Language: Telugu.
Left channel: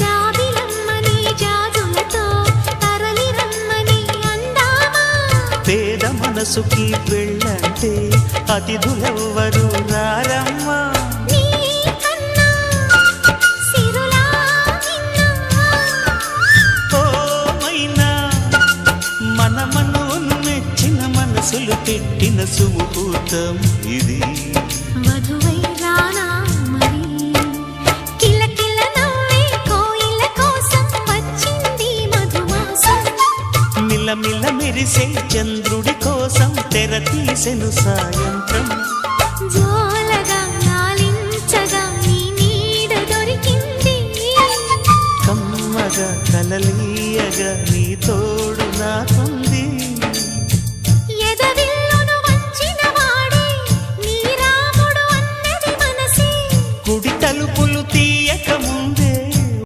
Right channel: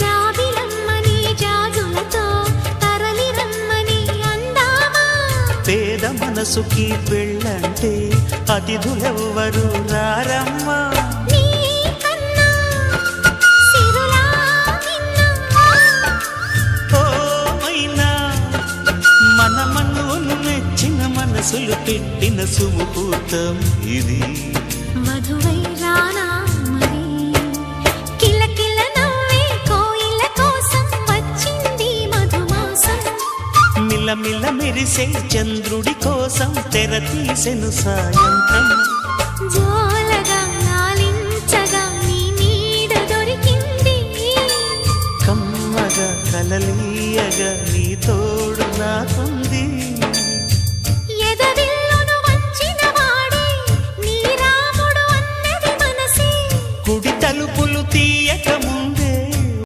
జాబిలమ్మని జాజులతో తరలి రమ్మని అందామా పేద మనసుకి పెళ్ళంటే అతిథులెవ్వరు రారమ్మా మన మనవును మెచ్చిన మనసులు పెట్టిన సుముహూర్తం ఇది వధువై రానా మరి కిలకిల నవ్వే కోయిల కోసం వచ్చింది మధుమాసం మిలమిల మెరిసే చంద్రుడి కోసం తెర తీసెను సాయంత్రం జోలగా లాలించగా నీ నీడ దొరికింది కమ్మగా కలలీయగా నీ తోడు నాకుంది ఎదవిల్లును వంచిన వాడే నీ రాముడు అన్నది మనసే కుడి తలుపులు తీయక ముందే